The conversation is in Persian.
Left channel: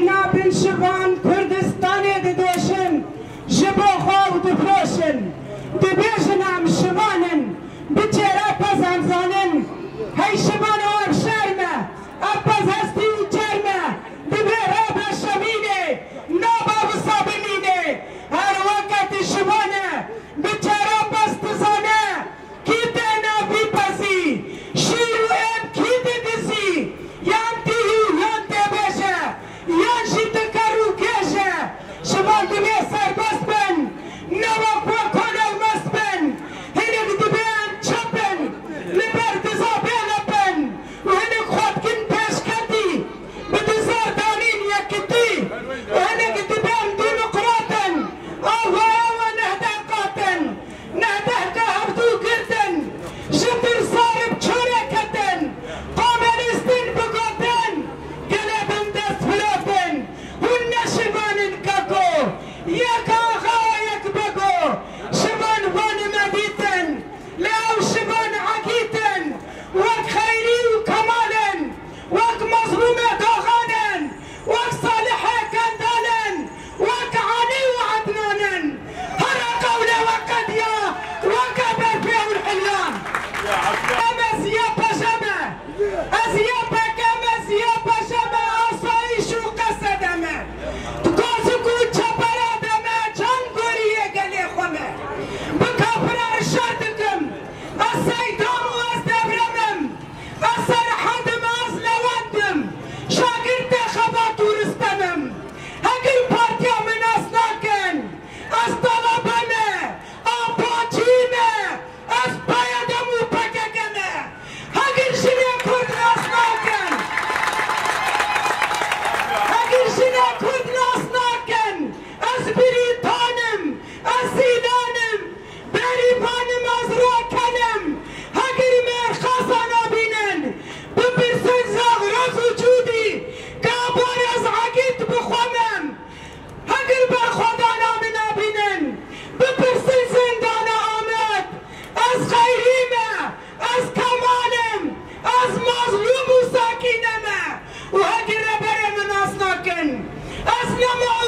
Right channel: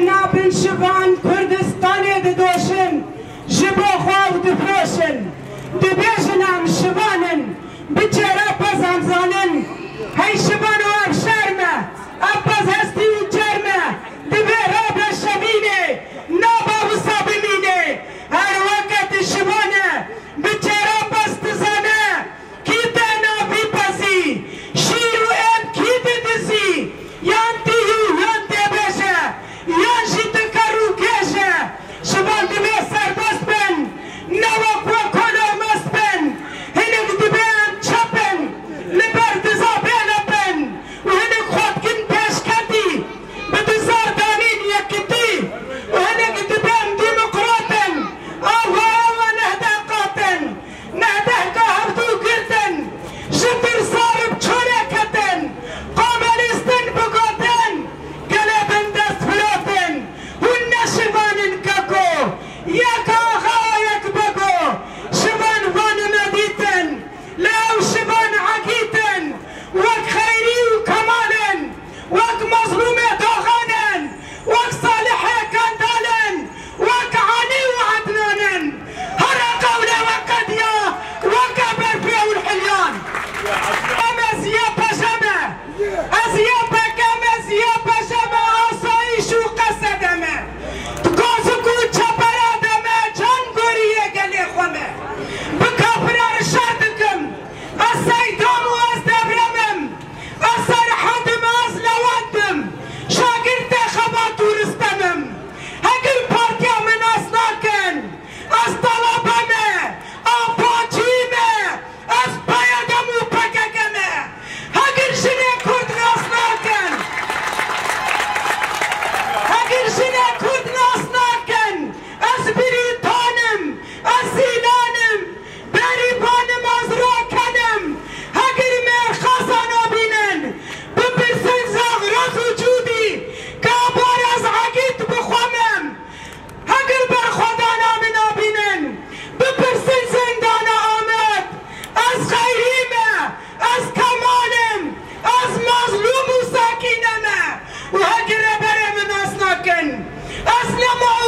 نابن شوان کردستانی ددوشن جبو خواو دفروشن دبیجن ام شوانن بچرا پزان زانن هی شوان و افشارمه اپز هستی و جرمه دبی راب شمینه نابا و سابمینه هر وقت شوانه بچرا پست زانه کی دینا بی پسی شیر و ام کی دیدسی یان دیو یان دبیجه یان جیت کرو کشه شوان دبی سربست بن نوک و کنو مست بن هنگ دبی ام چپن لبرد زابین بن و هنگ خود کن پیش کتی بدزار دانین یکتی و هنگ دبی ام دیمقراطن آوا آوا نهده قاتن نهده که هردو گردن جبر صارب چونه کتن قابلستن بگاتن گلبن دست فلاتن هون نشوانن ککو یک آقا یک بگو شوان وان مدیتن لاو شوان عقیتن وک خیری و کمالن وک مظلوم داغانن وک صالح کندالن وک علی و عدنانن هر قول وقد یا وک برفی و الحلیان امز یا پشمه از یا پکم از یا پشمه آسایش و قصدمه گازگو چپرادمه چند گوریه گلی خومه بکافرار شردکم از سیدام و از دبرمم از سرحدم از لوندم شاگرد خبات و رستمم هگر پارتیا من اصلاکن از طلبمه آپاچیمه از پایدم و پککمه هگر جنه کرد اصلاکن هگر جنه کرد اصلاکن از بریتانم از زینانم بریبانم از راکنم هگر من خزانا بینن بپرسن زغرز وجودی که بار از عقید بخوامم هگر بر خدا نامنا بینن بپرسن زندان آمد از خیریمه از کمالم از مظلوم و ساکینمه و هگر بر من اصلاکن از نما